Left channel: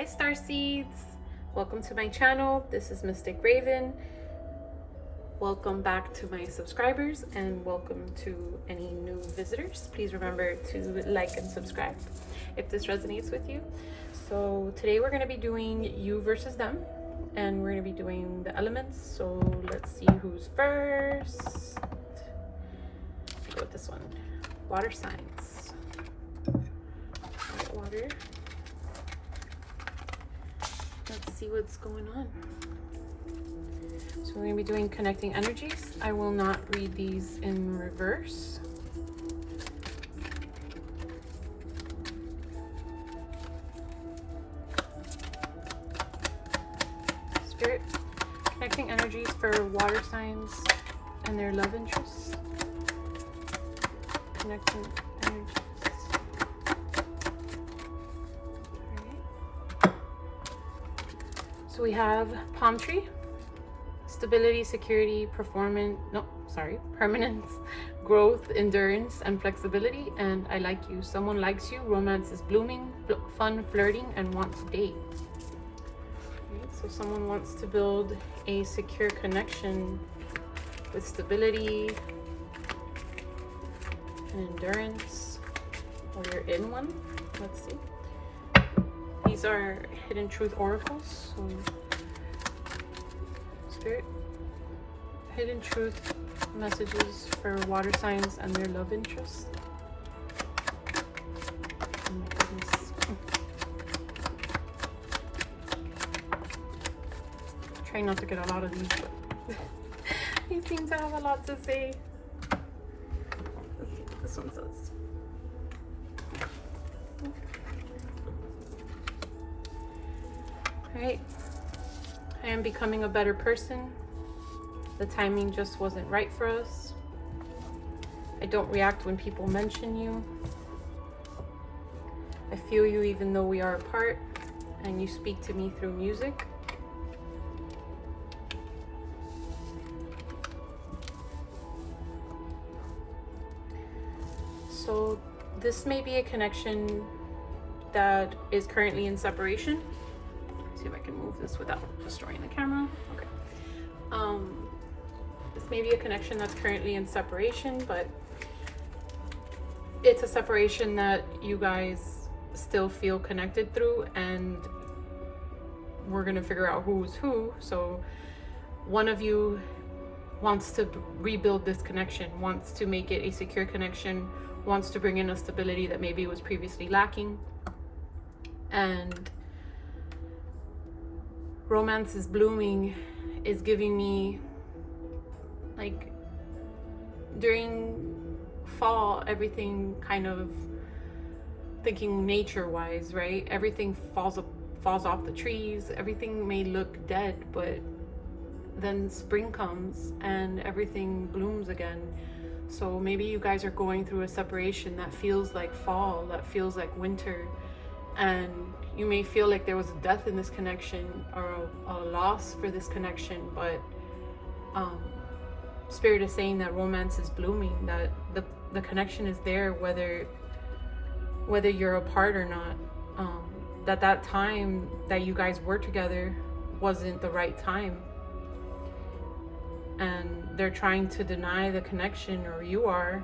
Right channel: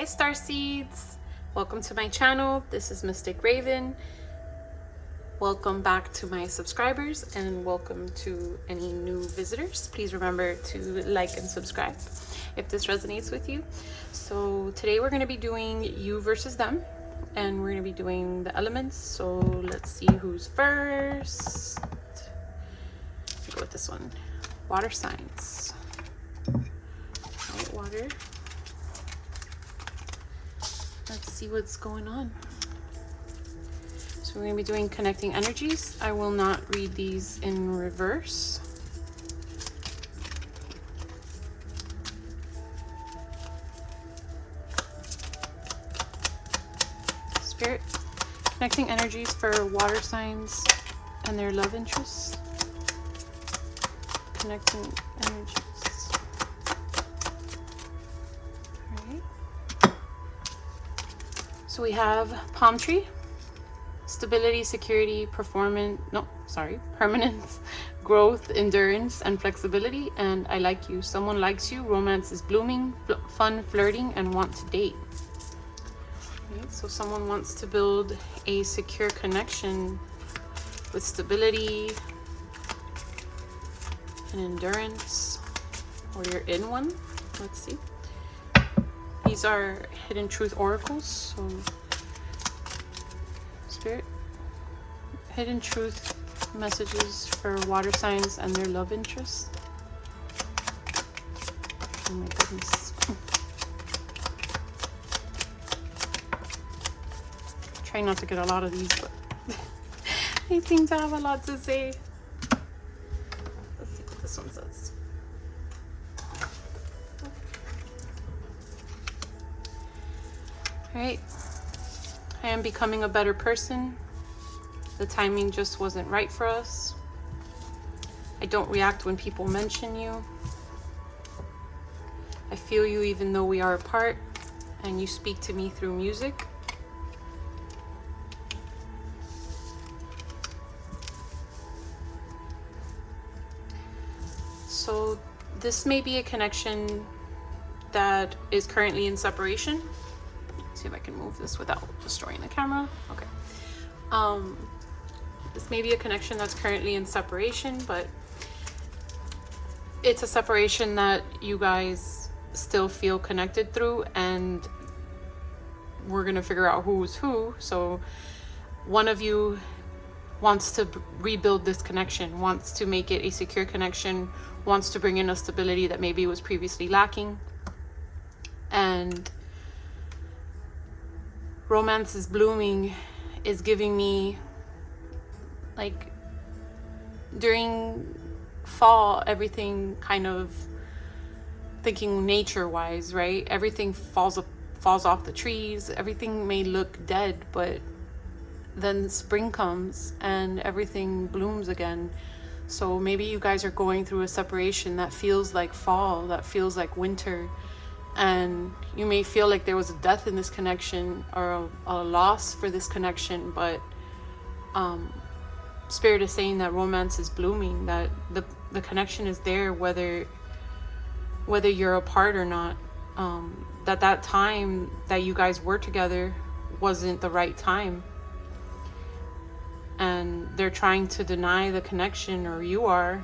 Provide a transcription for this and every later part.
Hi Starseeds! Welcome to my channel. This is Mystic Raven. Welcome back to my subscribers and welcome to any new visitors. Please remember to like and subscribe if this resonates with you. So today we're going to be doing you versus them and we're going to be doing the elements. So let's see who's first. Let's go with this one. Water signs. White water. Let's see what's going on. So we're going to be doing connecting energies. I will not read these in reverse. Spirit, connecting energies for water signs and their love interests. Connecting energies. So we have palm tree, stability, security, permanence, growth, endurance, and flexibility. And I like you. Someone likes you. Romance is blooming, fun, flirting, and want to date. Right, so someone wants to build a secure connection with stability and endurance, or you're in one. Let's see. These are hidden truth oracles. So Spirit, hidden truth messages for water signs and their love interests. Oh my goodness. Try not to get a lot of these, but they seem to have a lot to say. Let's see what this one says. All right. I am becoming a better person. The timing just wasn't right for us. I don't react when people mention you. I feel you even though we are apart, and you speak to me through music. So this may be a connection that is currently in separation. See if I can move this without destroying the camera. Okay. This may be a connection that's currently in separation, but it's a separation that you guys still feel connected through, and we're gonna figure out who's who. So one of you wants to rebuild this connection, wants to make it a secure connection, wants to bring in a stability that maybe was previously lacking, and romance is blooming is giving me, like, during fall, everything kind of, thinking nature wise, right? Everything falls off the trees. Everything may look dead, but then spring comes and everything blooms again. So maybe you guys are going through a separation that feels like fall, that feels like winter. And you may feel like there was a death in this connection or a loss for this connection, but Spirit is saying that romance is blooming, that the connection is there whether you're apart or not. That time that you guys were together wasn't the right time, and they're trying to deny the connection, or you are,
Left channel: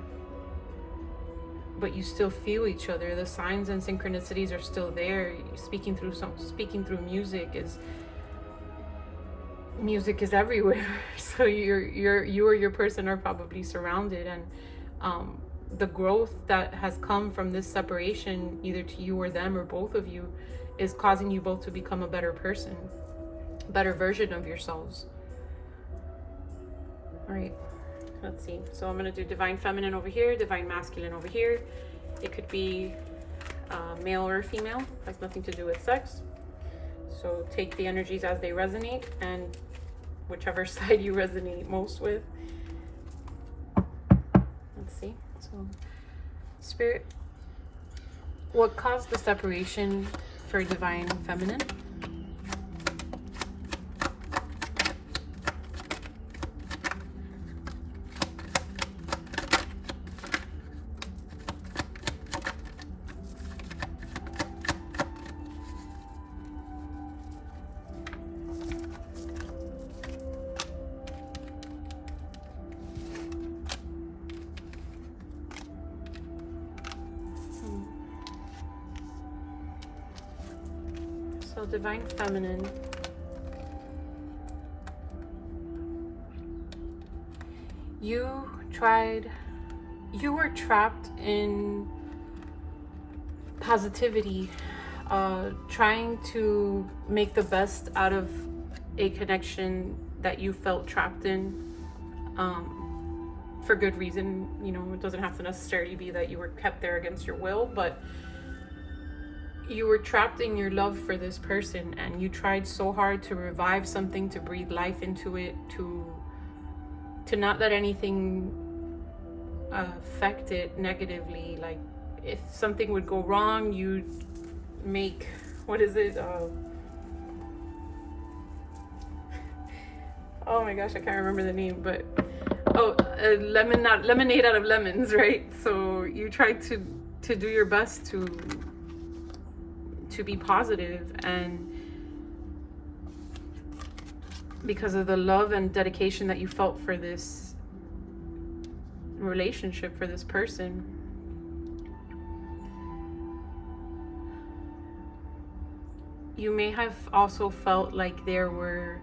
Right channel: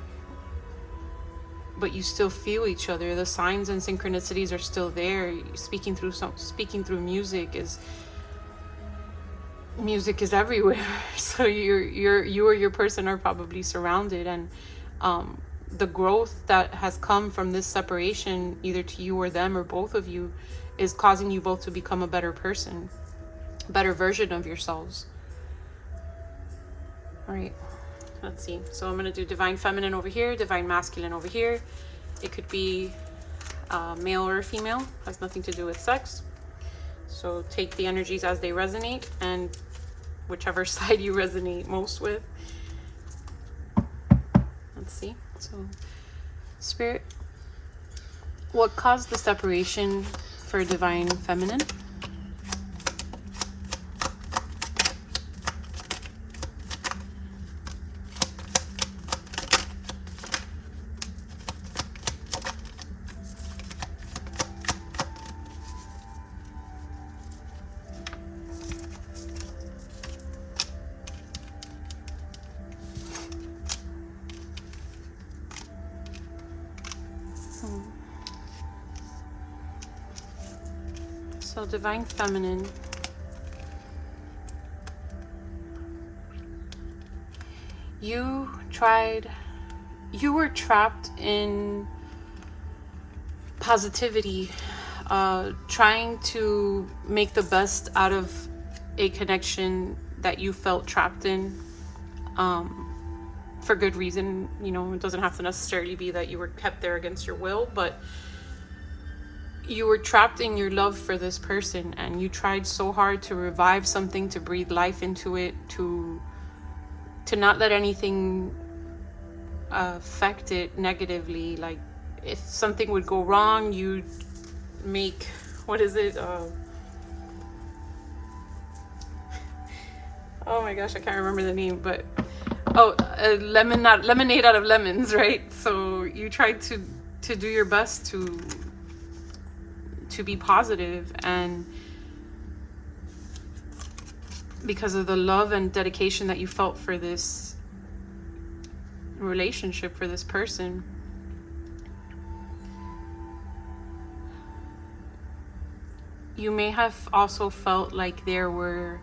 but you still feel each other. The signs and synchronicities are still there. Speaking through music is everywhere. So you or your person are probably surrounded, and the growth that has come from this separation, either to you or them or both of you, is causing you both to become a better person, a better version of yourselves. All right. Let's see. So I'm going to do divine feminine over here, divine masculine over here. It could be male or female. Has nothing to do with sex. So take the energies as they resonate, and whichever side you resonate most with. Let's see. So Spirit, what caused the separation for divine feminine? So Divine Feminine. You were trapped in positivity, trying to make the best out of a connection that you felt trapped in, for good reason. You know, it doesn't have to necessarily be that you were kept there against your will, but you were trapped in your love for this person, and you tried so hard to revive something, to breathe life into it, to not let anything affect it negatively. Like, if something would go wrong, you'd make, what is it? Oh my gosh, I can't remember the name, but lemonade out of lemons, right? So you tried to do your best to be positive, and because of the love and dedication that you felt for this relationship, for this person, you may have also felt like there was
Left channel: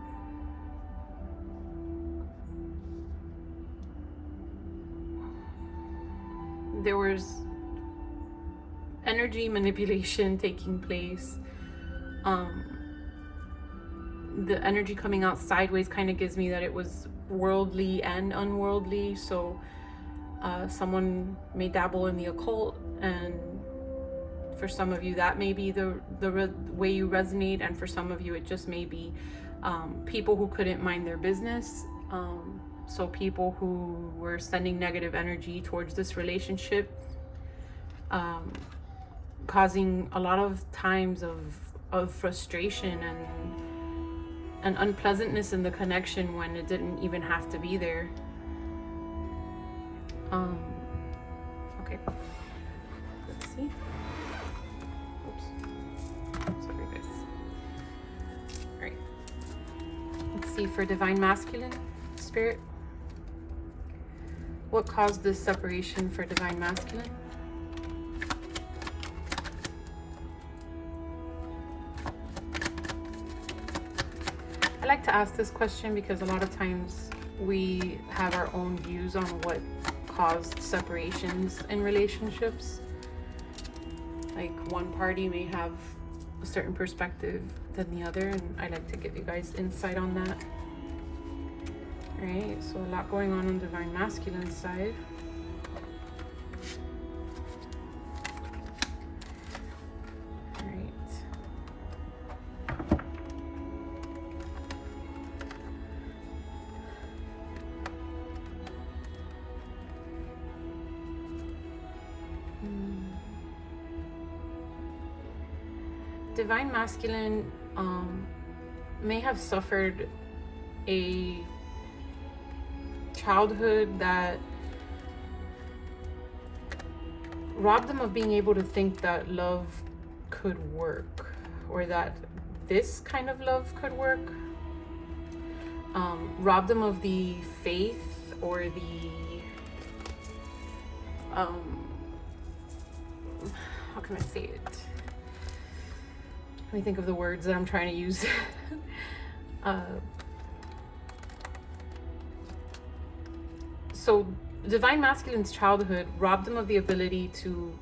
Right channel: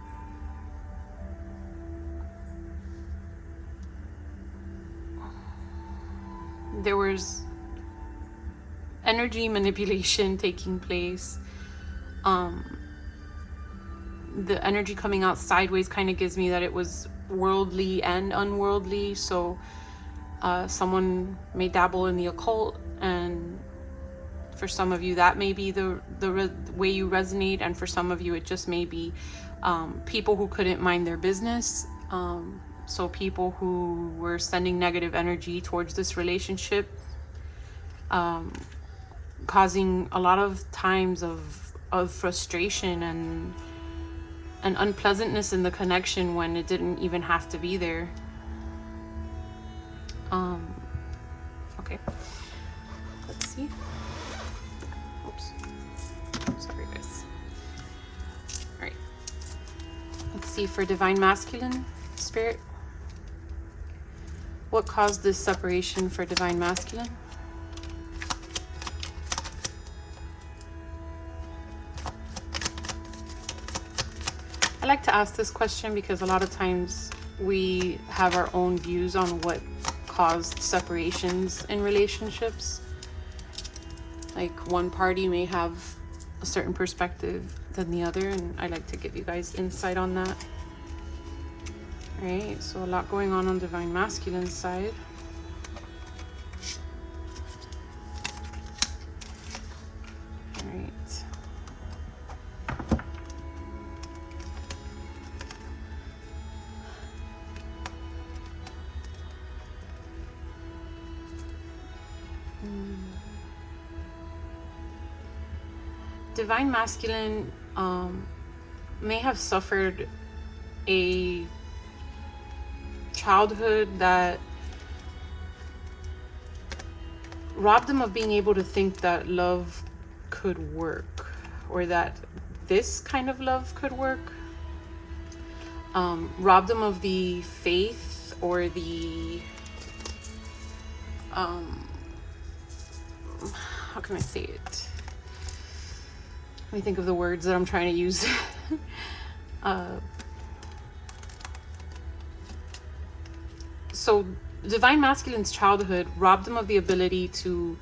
energy manipulation taking place. The energy coming out sideways kind of gives me that it was worldly and unworldly. So someone may dabble in the occult, and for some of you that may be the way you resonate, and for some of you it just may be people who couldn't mind their business. So people who were sending negative energy towards this relationship, causing a lot of times of frustration and unpleasantness in the connection when it didn't even have to be there. Okay, let's see. Oops, sorry guys. All right, let's see for Divine Masculine Spirit. What caused this separation for Divine Masculine? I like to ask this question because a lot of times we have our own views on what caused separations in relationships. Like, one party may have a certain perspective than the other, and I like to give you guys insight on that. Right, so a lot going on Divine Masculine side. Right. Divine Masculine may have suffered a childhood that robbed them of being able to think that love could work, or that this kind of love could work. Robbed them of the faith or the how can I say it? Let me think of the words that I'm trying to use. So Divine Masculine's childhood robbed them of the ability to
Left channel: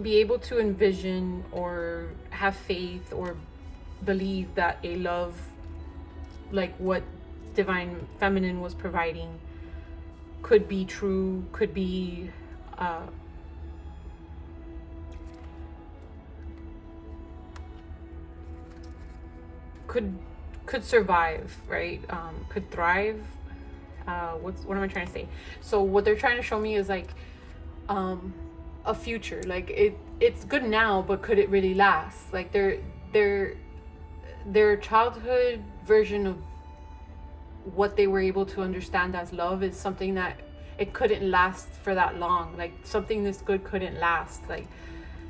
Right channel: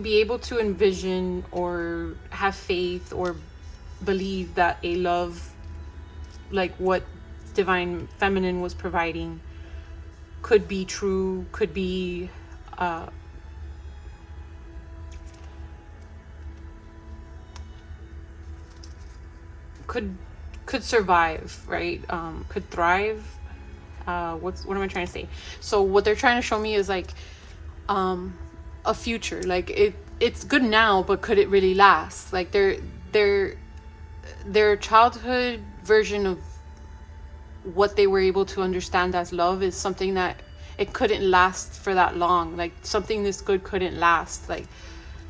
be able to envision or have faith or believe that a love like what Divine Feminine was providing could be true, could be could survive, right? Could thrive. What am I trying to say? So what they're trying to show me is like a future. Like it's good now, but could it really last? Like their childhood version of what they were able to understand as love is something that it couldn't last for that long. Like something this good couldn't last. Like,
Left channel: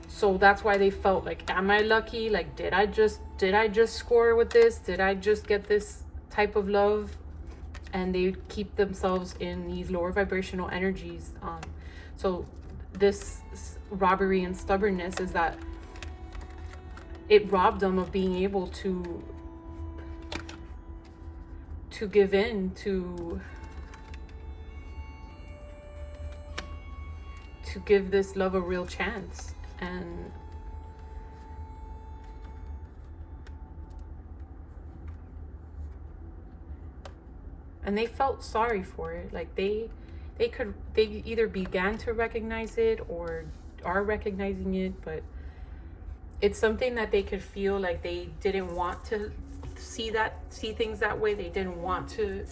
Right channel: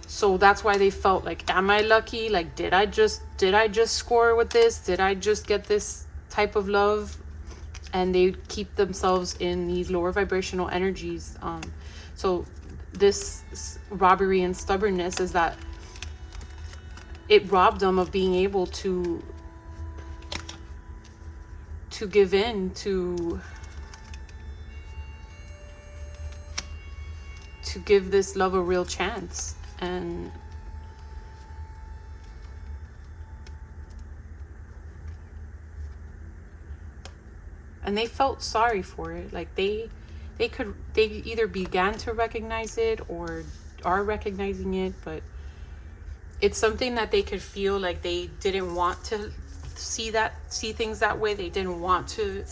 so that's why they felt like, am I lucky? Like, did I just score with this? Did I just get this type of love? And they keep themselves in these lower vibrational energies. So this robbery and stubbornness is that it robbed them of being able to give in to give this love a real chance. And they felt sorry for it. Like they either began to recognize it or are recognizing it, but it's something that they could feel like they didn't want to see things that way. They didn't want to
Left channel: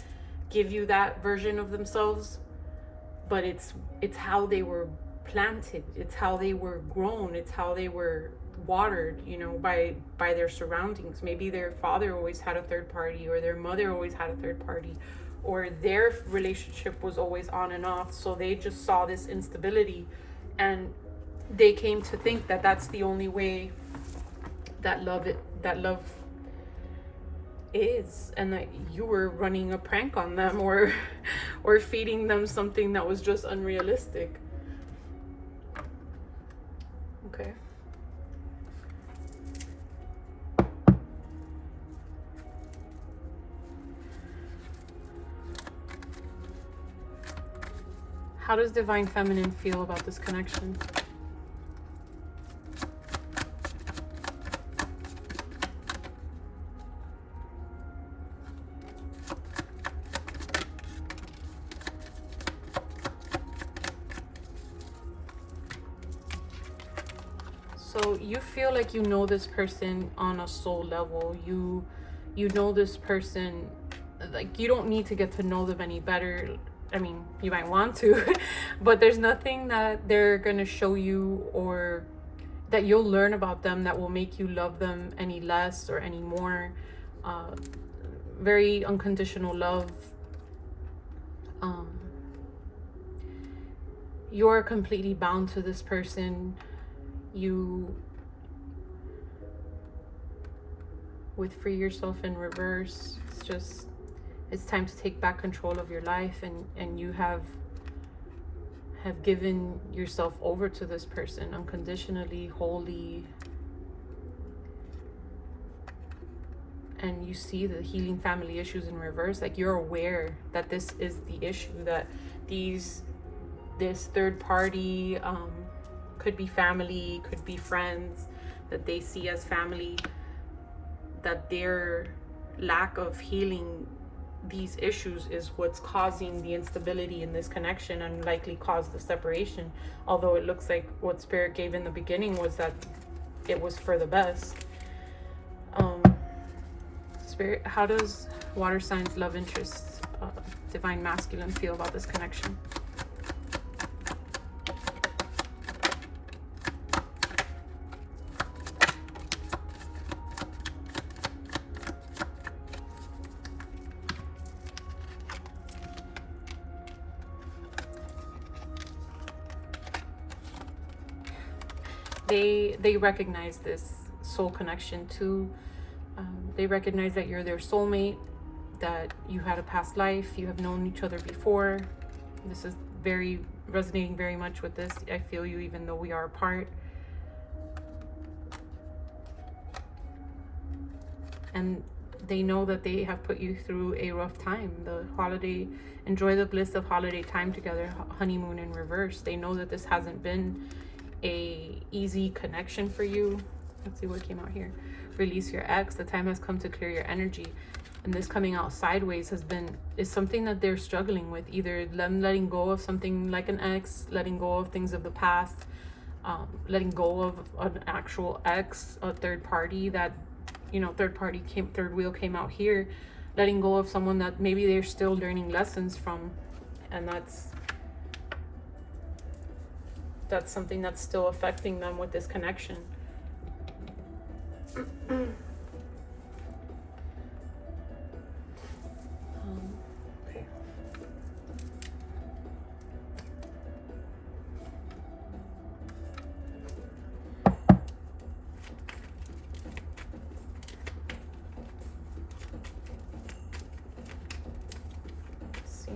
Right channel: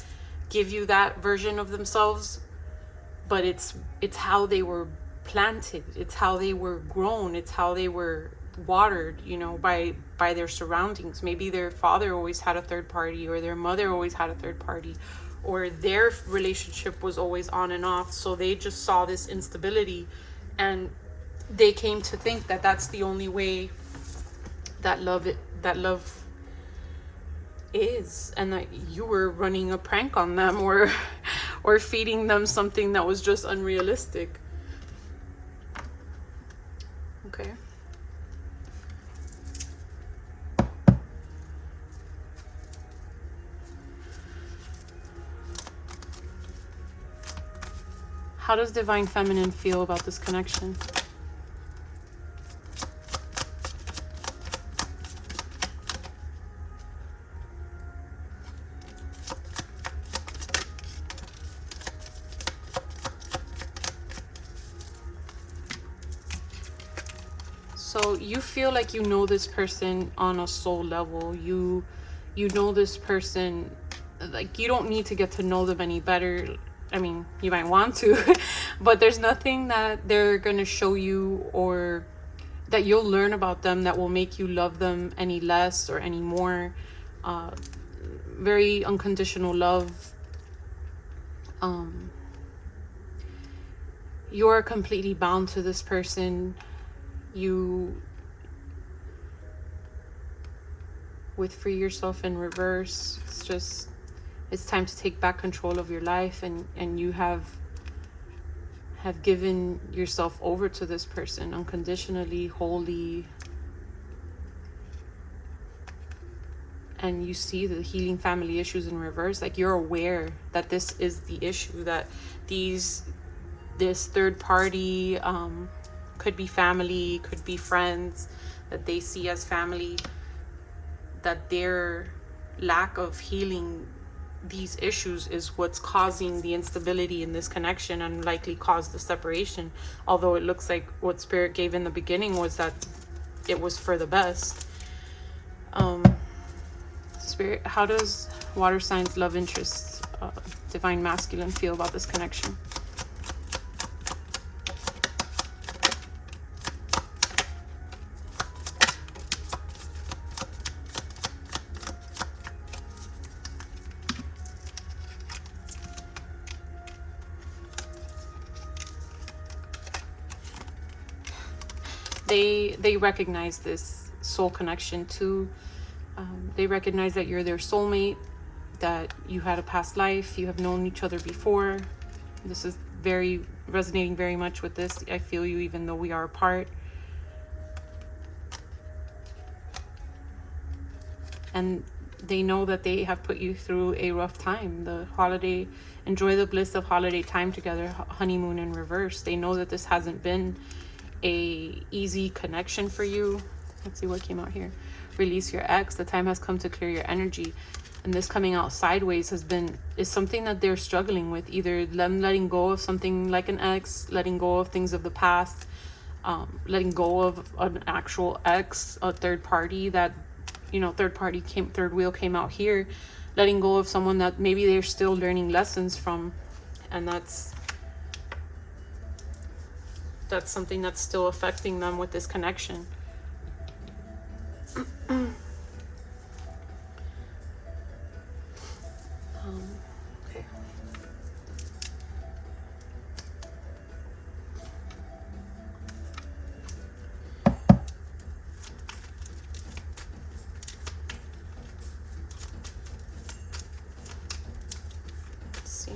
give you that version of themselves, but it's how they were planted, it's how they were grown, it's how they were watered, you know, by their surroundings. Maybe their father always had a third party, or their mother always had a third party, or their relationship was always on and off, so they just saw this instability and they came to think that that's the only way that love is, and that you were running a prank on them, or feeding them something that was just unrealistic. Okay. How does Divine Feminine feel about this connection? So you feel like you know this person on a soul level. You know this person, like you don't need to get to know them any better. I mean, you might want to, but there's nothing that they're going to show you or that you'll learn about them that will make you love them any less or any more. Very unconditional love. You're completely bound to this person. You would free yourself in reverse. It's time to take back control of your life, and you have given yourself over to this person unconditionally, wholly. And you see the healing family issues in reverse. Like you're aware that this is the issue, that this third party could be family, could be friends that they see as family, that their lack of healing these issues is what's causing the instability in this connection and likely caused the separation. Although it looks like what Spirit gave in the beginning was that it was for the best. Spirit, how does water signs love interest, Divine Masculine, feel about this connection? They recognize this soul connection too. They recognize that you're their soulmate, that you had a past life, you have known each other before. This is resonating very much with this. I feel you even though we are apart. And they know that they have put you through a rough time. Enjoy the bliss of holiday time together, honeymoon in reverse. They know that this hasn't been a easy connection for you. Let's see what came out here. Release your ex. The time has come to clear your energy. And this coming out sideways is something that they're struggling with. Either them letting go of something like an ex, letting go of things of the past, letting go of an actual ex, a third party that, you know, third wheel came out here, letting go of someone that maybe they're still learning lessons from. And that's something that's still affecting them with this connection. Okay. Let's see.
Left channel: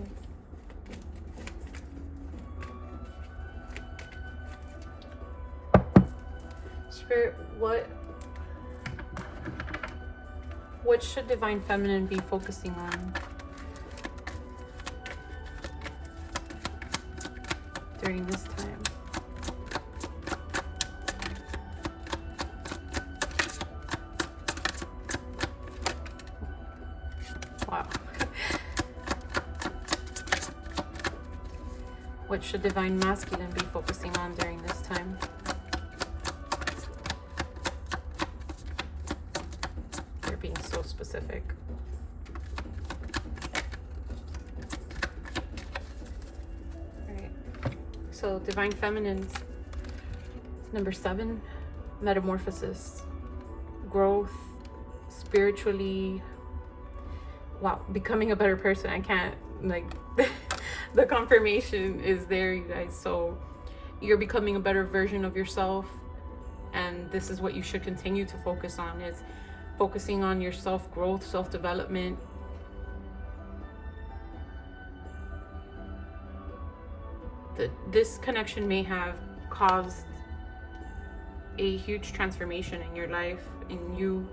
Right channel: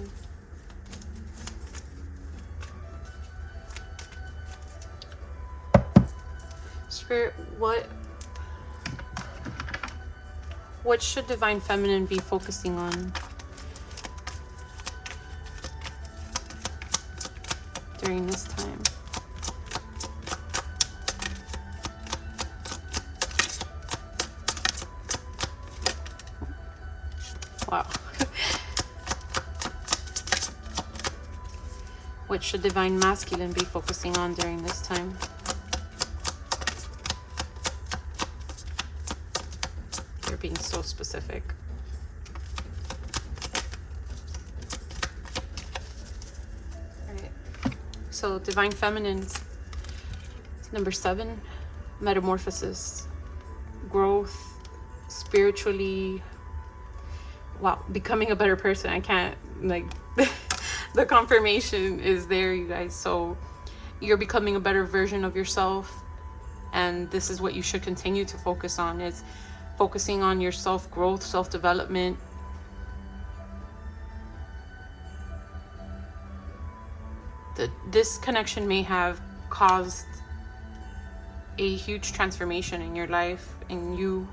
Spirit, what should Divine Feminine be focusing on during this time? Wow. What should Divine Masculine be focusing on during this time? They're being so specific. So Divine Feminine's number 7, metamorphosis, growth, spiritually, wow, becoming a better person. I can't, like, the confirmation is there, you guys. So you're becoming a better version of yourself, and this is what you should continue to focus on, is focusing on your self-growth, self-development. This connection may have caused a huge transformation in your life, and you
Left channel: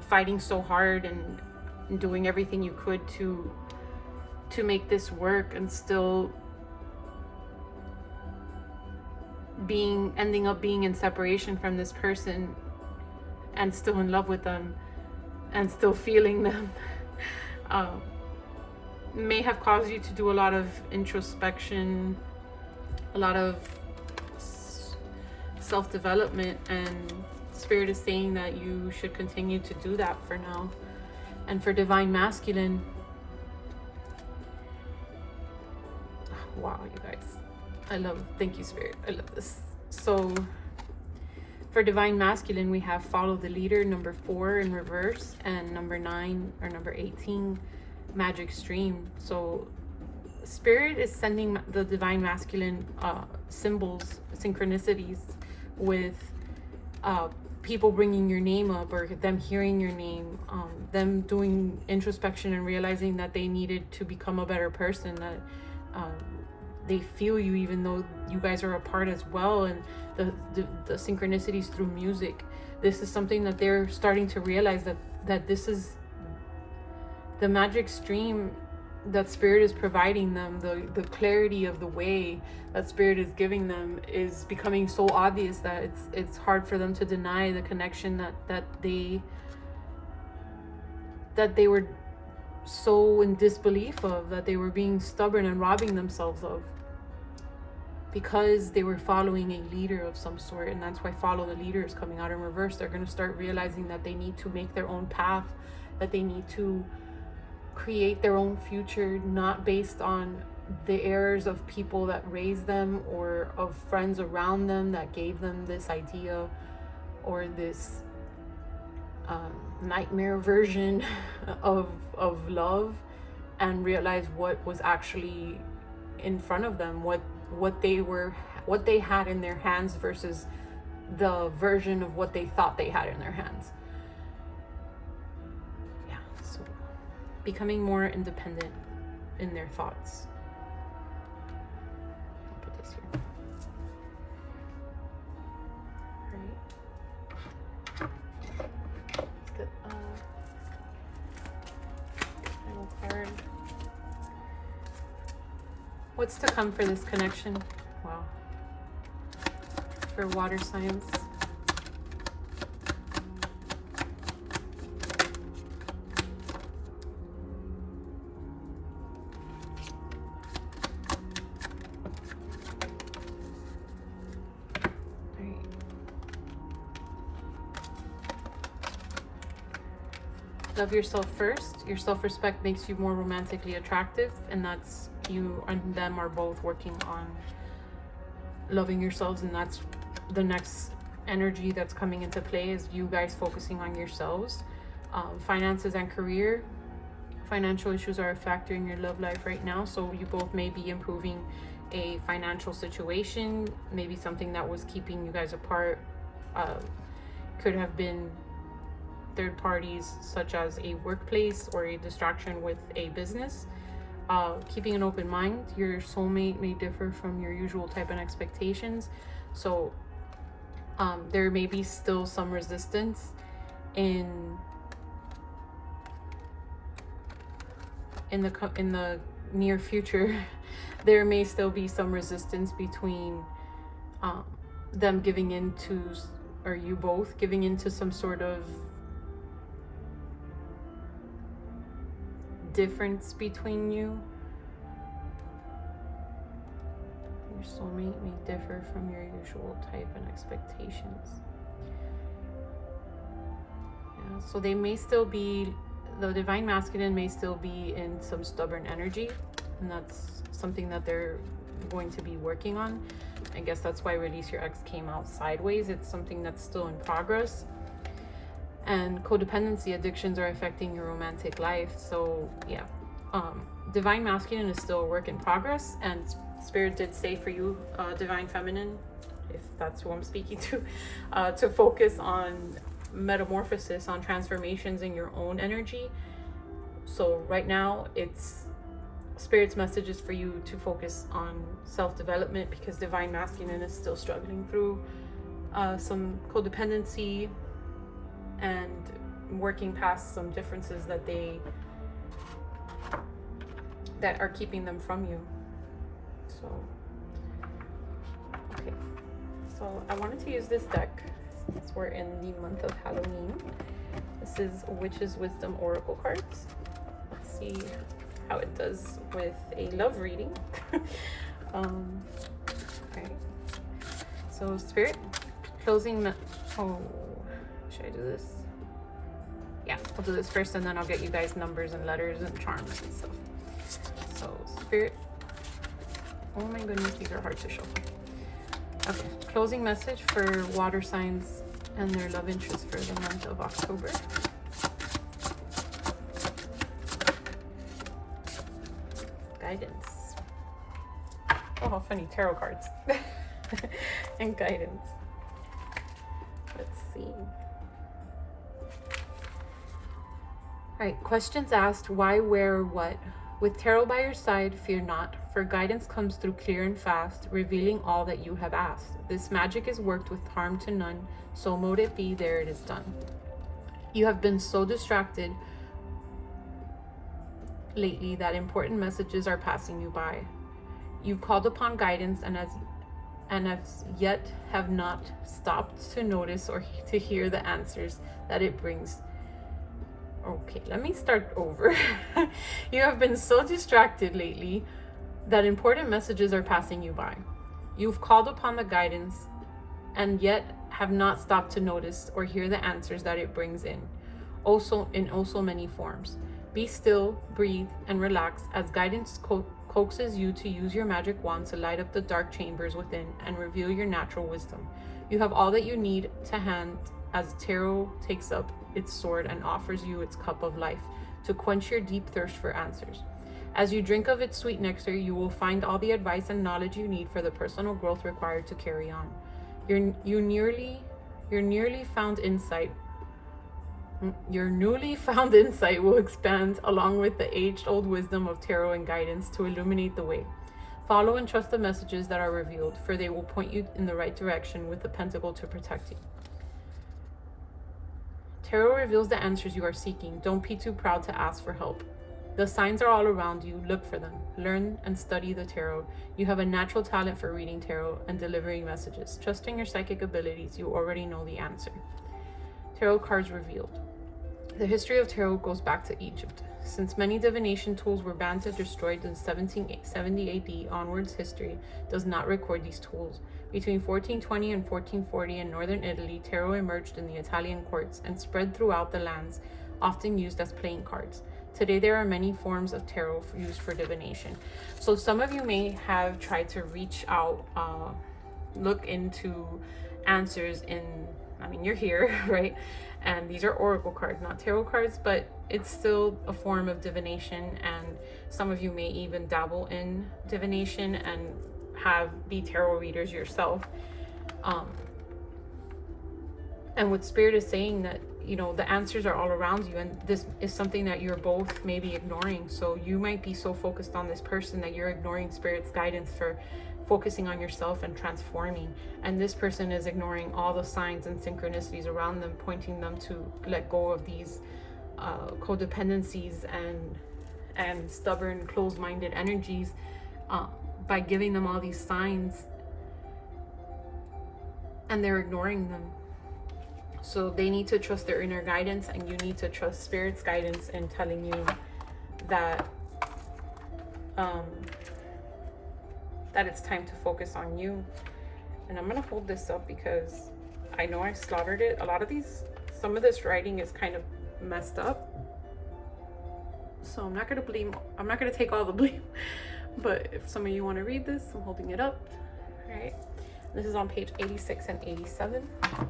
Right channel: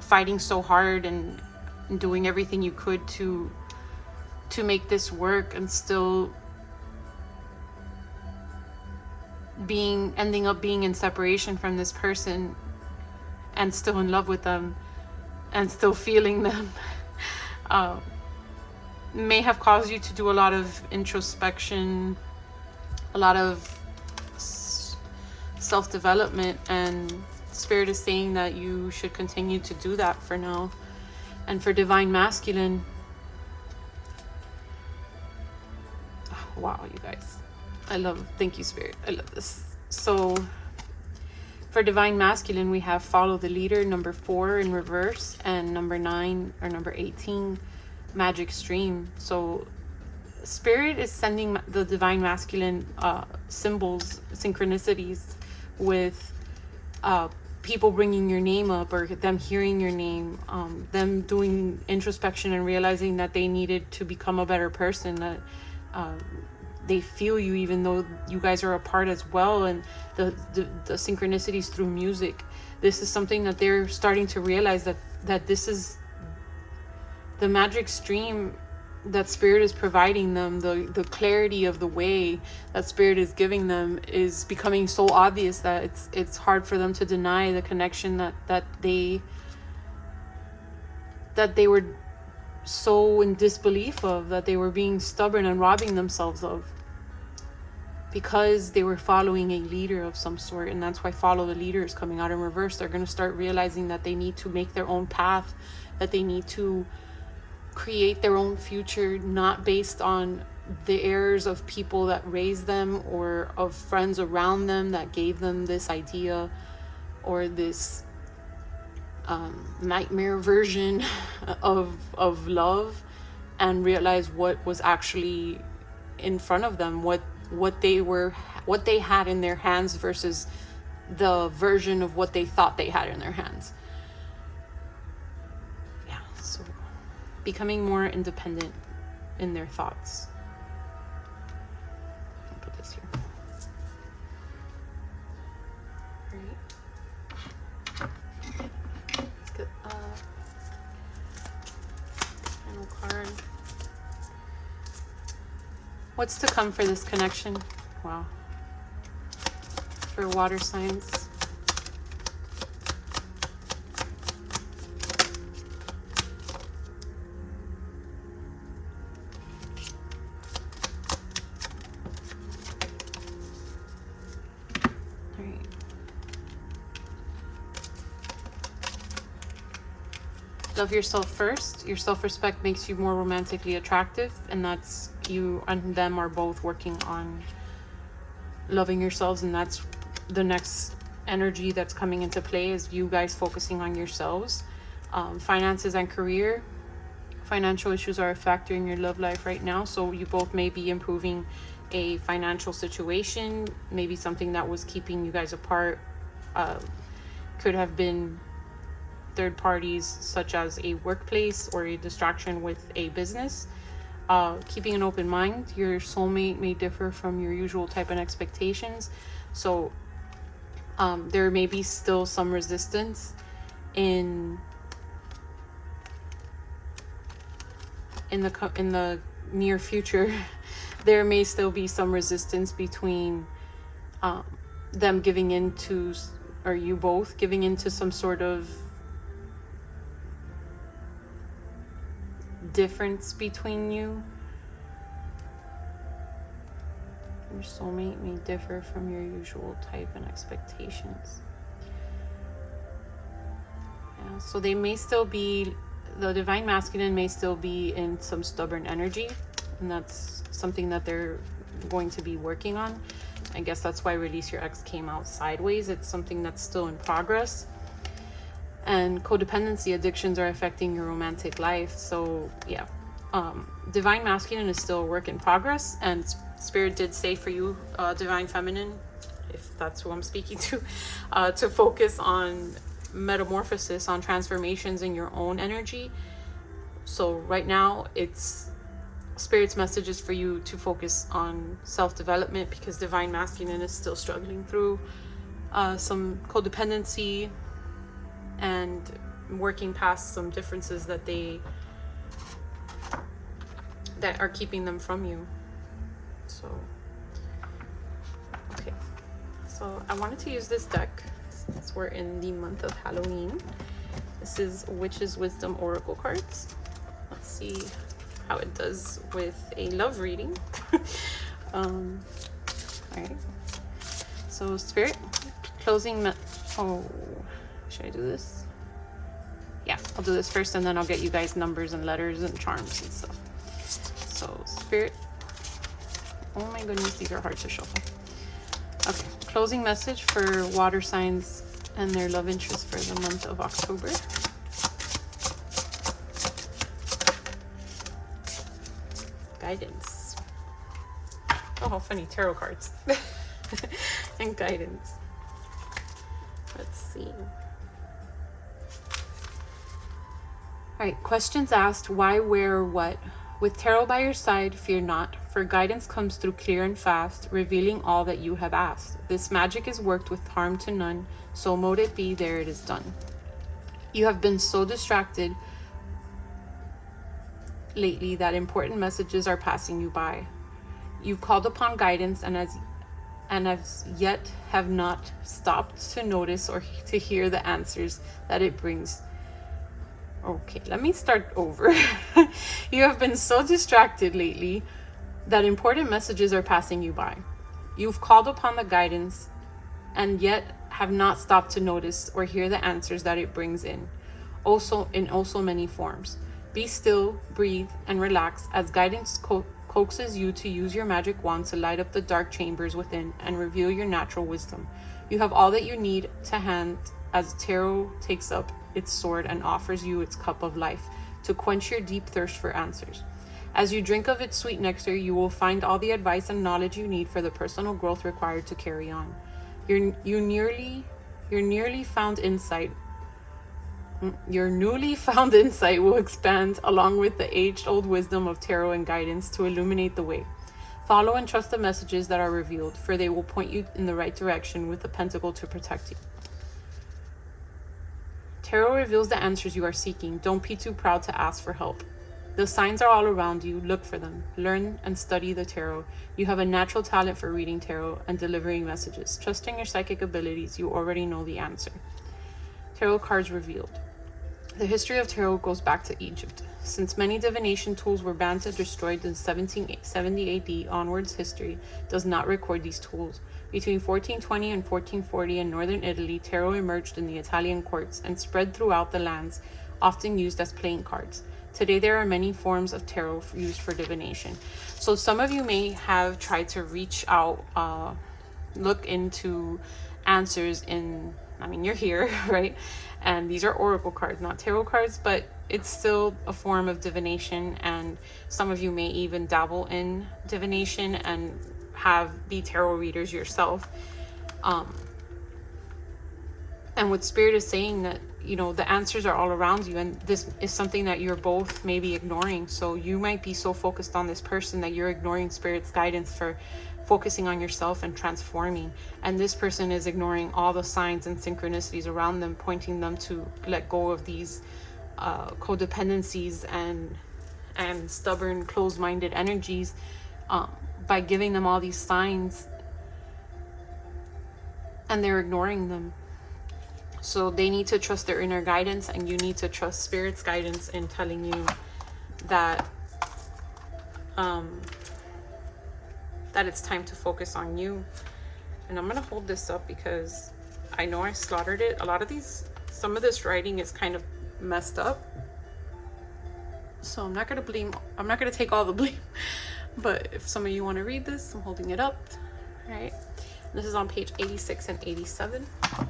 fighting so hard and doing everything you could to make this work, and still ending up being in separation from this person, and still in love with them, and still feeling them. May have caused you to do a lot of introspection, a lot of self-development, and Spirit is saying that you should continue to do that for now. And for Divine Masculine, wow, you guys, thank you, Spirit, I love this. So for Divine Masculine, we have follow the leader, number 4 in reverse, and number 9 or number 18, magic stream. So Spirit is sending the Divine Masculine symbols, synchronicities, with people bringing your name up, or them hearing your name, them doing introspection and realizing that they needed to become a better person, that they feel you even though you guys are apart as well. And the synchronicities through music, this is something that they're starting to realize, that this is the magic stream that Spirit is providing them. The clarity of the way that Spirit is giving them is becoming so obvious that it's hard for them to deny the connection that they were so in disbelief of, that they were being stubborn and robbing themselves of, because they were following a leader of some sort. And that's why follow the leader is coming out in reverse. They're going to start realizing that they need to make their own path, that they need to create their own future, not based on the errors of people that raised them, or of friends around them that gave them this idea, or this nightmare version of love, and realize what was actually in front of them, what they had in their hands versus the version of what they thought they had in their hands. Yeah, so becoming more independent in their thoughts. I'll put this here. Right. Let's get final card. What's to come for this connection? Wow. For water signs. Love yourself first. Your self-respect makes you more romantically attractive, and that's, you and them are both working on loving yourselves, and that's the next energy that's coming into play, is you guys focusing on yourselves. Finances and career. Financial issues are a factor in your love life right now, so you both may be improving a financial situation. Maybe something that was keeping you guys apart could have been third parties, such as a workplace or a distraction with a business. Keeping an open mind. Your soulmate may differ from your usual type and expectations, so There may be still some resistance in the near future. There may still be some resistance between them giving into, or you both giving into, some sort of difference between you. Your soulmate may differ from your usual type and expectations. Yeah, so they may still be, the divine masculine may still be in some stubborn energy, and that's something that they're going to be working on. I guess that's why Release Your Ex came out sideways. It's something that's still in progress. And codependency addictions are affecting your romantic life. So yeah, divine masculine is still a work in progress, and Spirit did say for you, divine feminine, if that's who I'm speaking to focus on metamorphosis, on transformations in your own energy. So right now, it's Spirit's message is for you to focus on self-development, because divine masculine is still struggling through some codependency and working past some differences that are keeping them from you. So okay, so I wanted to use this deck since we're in the month of Halloween. This is Witch's Wisdom Oracle cards. Let's see how it does with a love reading. All right, so Spirit, closing should I do this? Yeah, I'll do this first, and then I'll get you guys numbers and letters and charms and stuff. So Spirit, oh my goodness, these are hard to shuffle. Okay, closing message for water signs and their love interest for the month of October. Guidance. Oh, how funny, tarot cards. And guidance. Let's see. All right, questions asked: why, where, what? With tarot by your side, fear not, for guidance comes through clear and fast, revealing all that you have asked. This magic is worked with harm to none, so mote it be, there it is done. You have been so distracted lately that important messages are passing you by. You've called upon guidance and as yet have not stopped to notice or to hear the answers that it brings. Okay, let me start over. You have been so distracted lately that important messages are passing you by. You've called upon the guidance and yet have not stopped to notice or hear the answers that it brings in so many forms. Be still, breathe, and relax as guidance coaxes you to use your magic wand to light up the dark chambers within and reveal your natural wisdom. You have all that you need to hand as tarot takes up its sword and offers you its cup of life to quench your deep thirst for answers. As you drink of its sweet nectar, you will find all the advice and knowledge you need for the personal growth required to carry on. Your newly found insight will expand along with the age-old wisdom of tarot and guidance to illuminate the way. Follow and trust the messages that are revealed, for they will point you in the right direction with the pentacle to protect you. Tarot reveals the answers you are seeking. Don't be too proud to ask for help. The signs are all around you. Look for them. Learn and study the tarot. You have a natural talent for reading tarot and delivering messages. Trusting your psychic abilities, you already know the answer. Tarot cards revealed. The history of tarot goes back to Egypt. Since many divination tools were banned and destroyed in 1770 AD, onwards history does not record these tools. Between 1420 and 1440 in northern Italy, tarot emerged in the Italian courts and spread throughout the lands, often used as playing cards. Today, there are many forms of tarot used for divination. So some of you may have tried to reach out, look into answers you're here, right? And these are oracle cards, not tarot cards, but it's still a form of divination. And some of you may even dabble in divination and be tarot readers yourself. And what Spirit is saying that, the answers are all around you, and this is something that you're both maybe ignoring. So you might be so focused on this person that you're ignoring Spirit's guidance focusing on yourself and transforming. And this person is ignoring all the signs and synchronicities around them, pointing them to let go of these codependencies and stubborn, closed-minded energies, by giving them all these signs, and they're ignoring them. So they need to trust their inner guidance, and you need to trust Spirit's guidance in telling you that that it's time to focus on you. And I'm gonna hold this up because I know I slaughtered it. Some of this writing is kind of messed up, so I'm not gonna take all the blame. But if some of you want to read this, I'm holding it up. All right, this is on page 86 and 87. All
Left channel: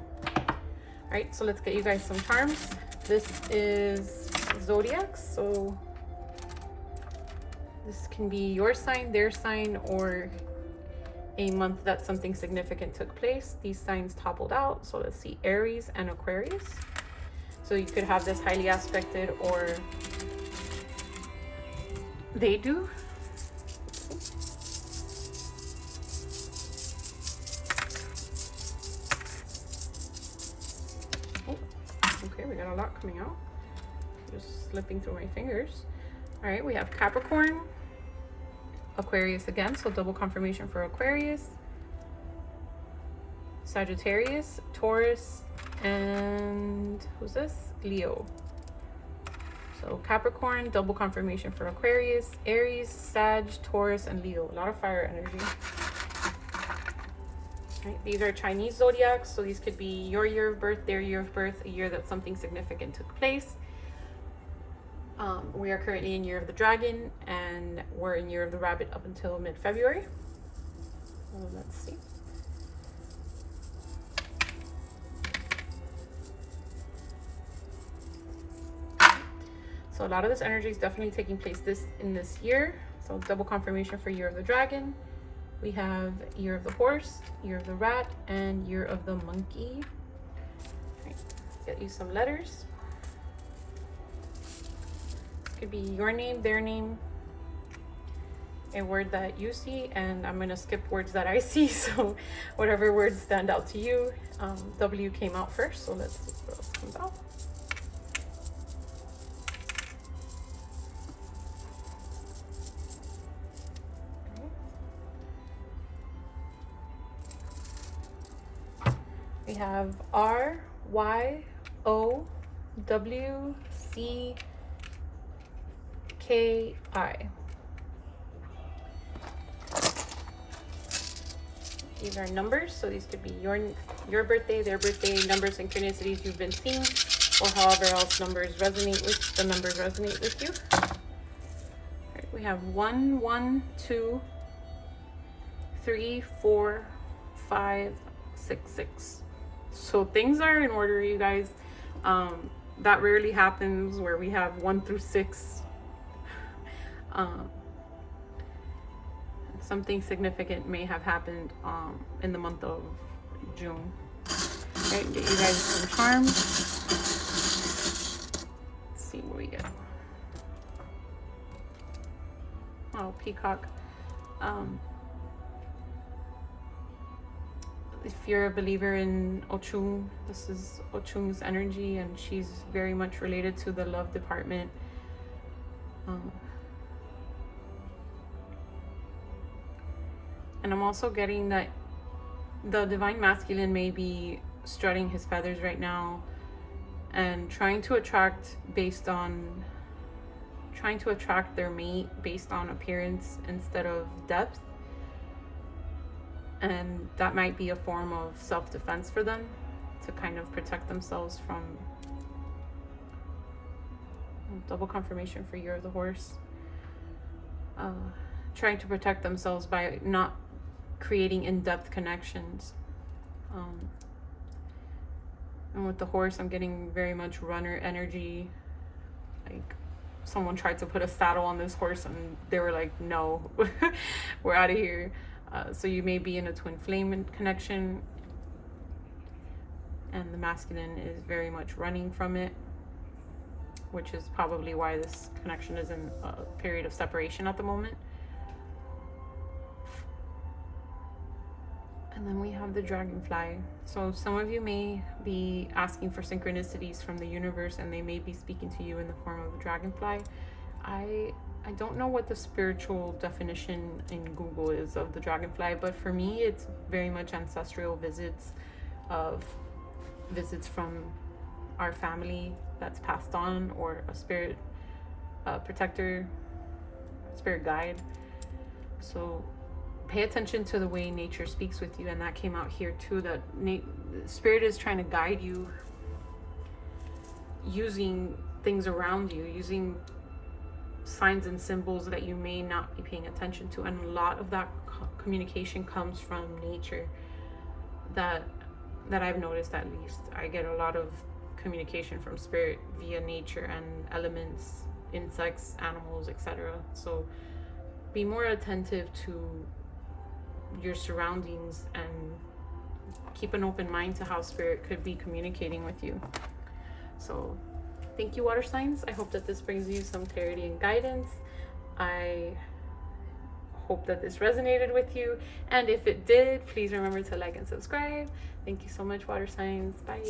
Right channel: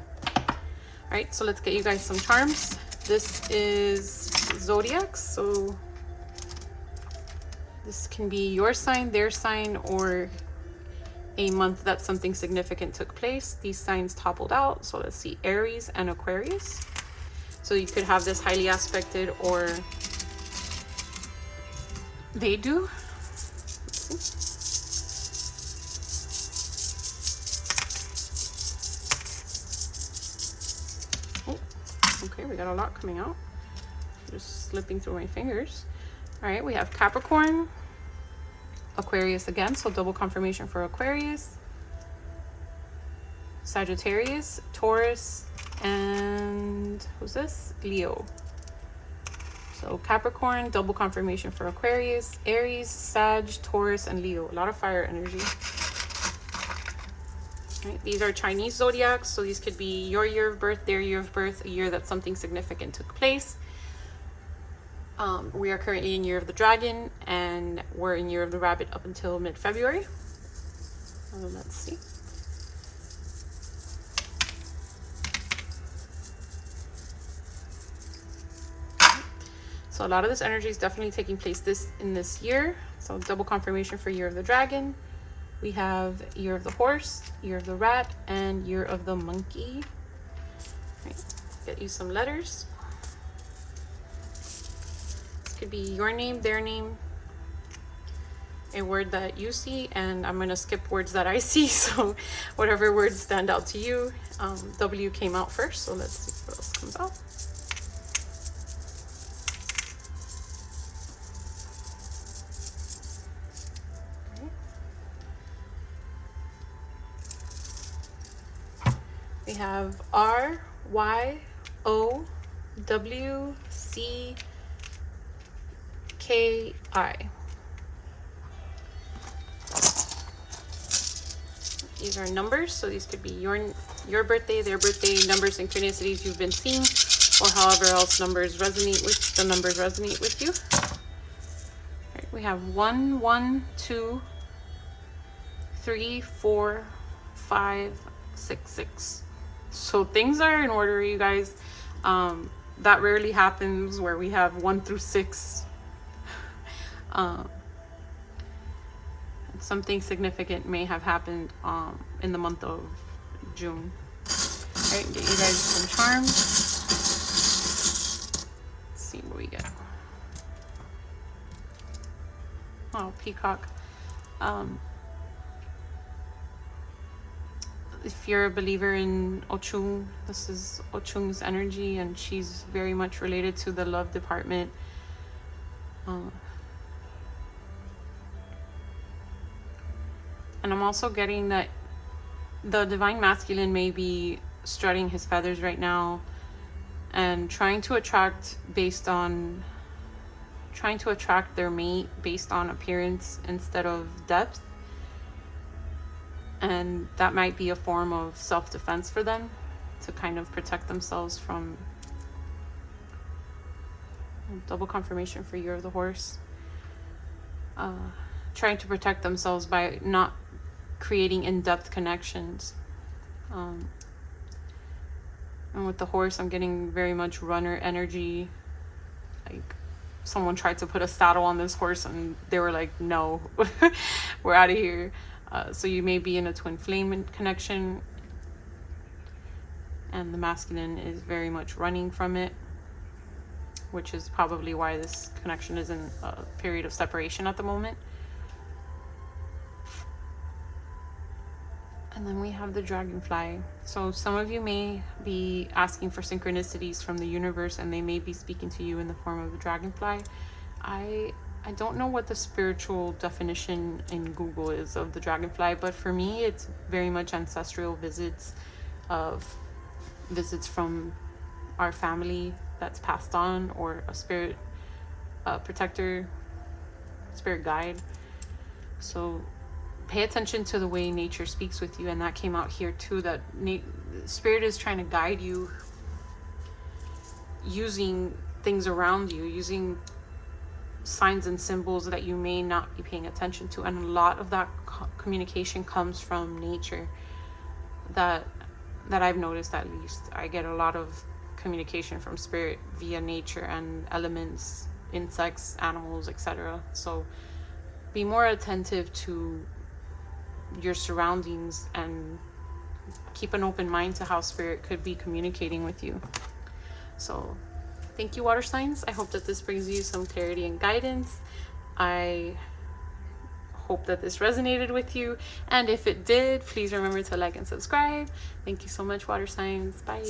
right, so let's get you guys some charms. This is zodiacs, so this can be your sign, their sign, or a month that something significant took place. These signs toppled out, so let's see, Aries and Aquarius. So you could have this highly aspected, or they do. Oh, okay, we got a lot coming out. Just slipping through my fingers. All right, we have Capricorn, Aquarius again, so double confirmation for Aquarius, Sagittarius, Taurus, and who's this? Leo. So Capricorn, double confirmation for Aquarius, Aries, Sag, Taurus, and Leo. A lot of fire energy. Right, these are Chinese zodiacs, so these could be your year of birth, their year of birth, a year that something significant took place. We are currently in Year of the Dragon, and we're in Year of the Rabbit up until mid-February. Let's see. So a lot of this energy is definitely taking place in this year. So double confirmation for Year of the Dragon. We have Year of the Horse, Year of the Rat, and Year of the Monkey. All right, get you some letters. Could be your name, their name, a word that you see, and I'm gonna skip words that I see, so whatever words stand out to you. W came out first, so let's see what else comes out. We have R, Y, O, W, C, K-I. These are numbers, so these could be your birthday, their birthday, number synchronicities you've been seeing, or however else the numbers resonate with you. Right, we have 1, 1, 2, 3, 4, 5, 6, 6. So things are in order, you guys. That rarely happens where we have 1 through 6. Something significant may have happened in the month of June. All right, get you guys some charms. Let's see what we get. Oh, peacock. If you're a believer in Ochun, this is Ochun's energy, and she's very much related to the love department. And I'm also getting that the divine masculine may be strutting his feathers right now and trying to attract their mate based on appearance instead of depth. And that might be a form of self-defense for them to kind of protect themselves from double confirmation for Year of the Horse. Trying to protect themselves by not creating in-depth connections. And with the horse, I'm getting very much runner energy. Like someone tried to put a saddle on this horse and they were like, no, we're out of here. So you may be in a twin flame connection, and the masculine is very much running from it, which is probably why this connection is in a period of separation at the moment. And then we have the dragonfly. So some of you may be asking for synchronicities from the universe, and they may be speaking to you in the form of a dragonfly. I don't know what the spiritual definition in Google is of the dragonfly, but for me it's very much ancestral visits from our family that's passed on, or a spirit protector, spirit guide. So pay attention to the way nature speaks with you, and that came out here too, that spirit is trying to guide you using things around you, using signs and symbols that you may not be paying attention to. And a lot of that communication comes from nature. That I've noticed, at least I get a lot of communication from spirit via nature and elements, insects, animals, etc. So be more attentive to your surroundings and keep an open mind to how spirit could be communicating with you. So thank you, water signs. I hope that this brings you some clarity and guidance. I hope that this resonated with you, and if it did, please remember to like and subscribe. Thank you so much, water signs. Bye.